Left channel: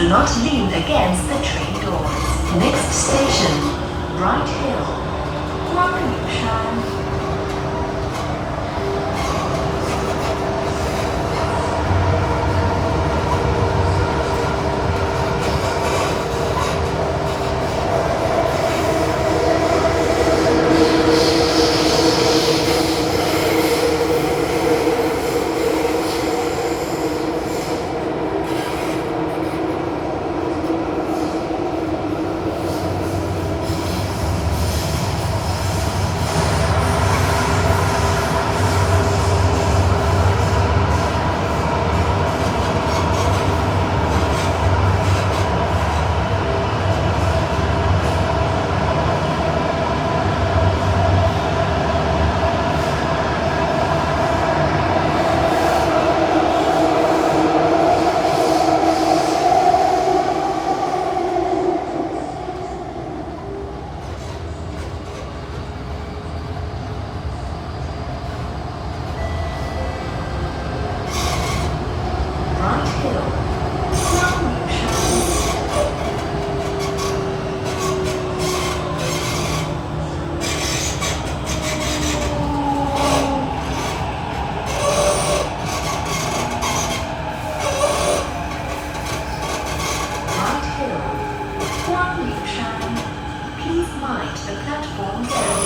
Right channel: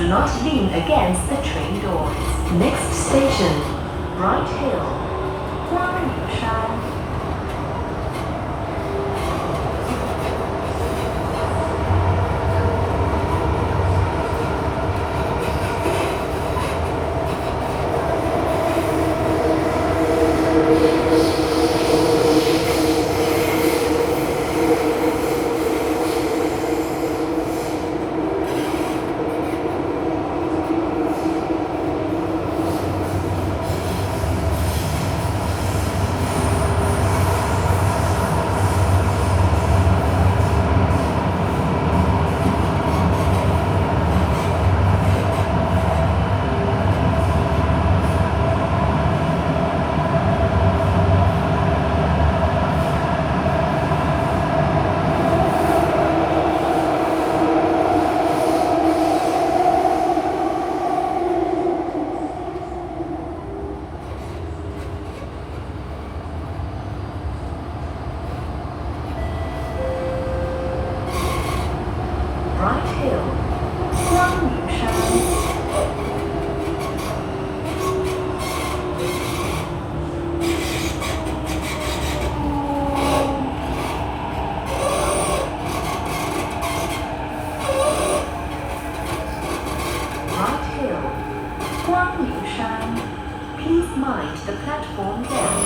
do not lean against the train doors. Next station, Bright Hill. 光岭山。Bright Hill. 光岭山。Bright Hill. 光岭山。 Please mind the platform gap.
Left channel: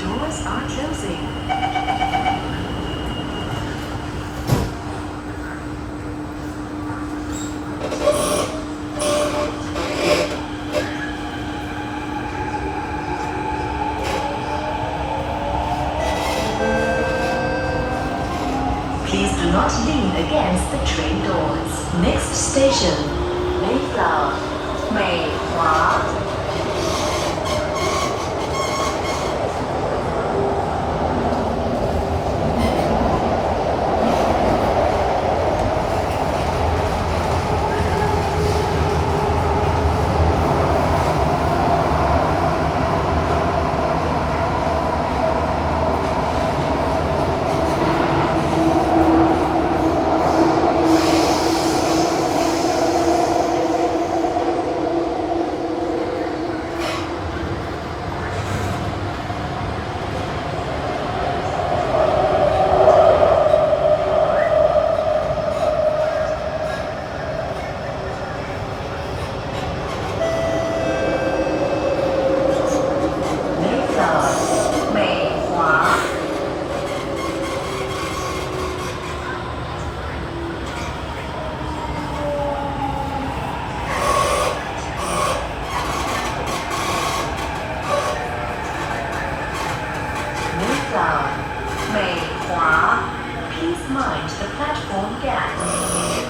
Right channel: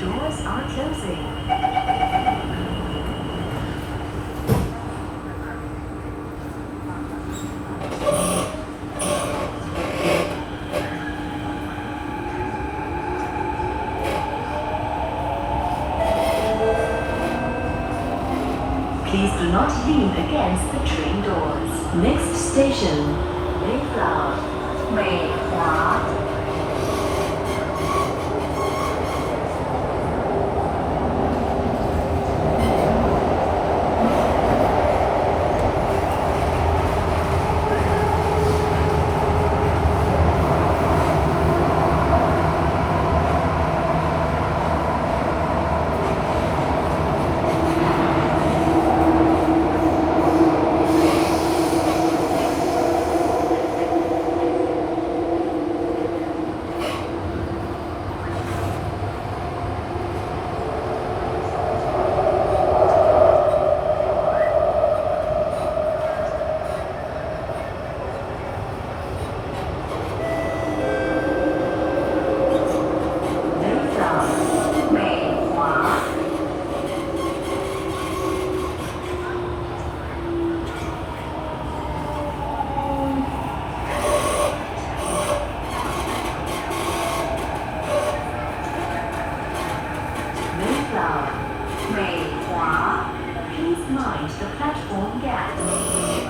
Doors are closing. Please do not lean against the train doors. Next station, Mayflower. 美华。Mayflower. 美华。 Mayflower. 美华。 Please mind the platform gap.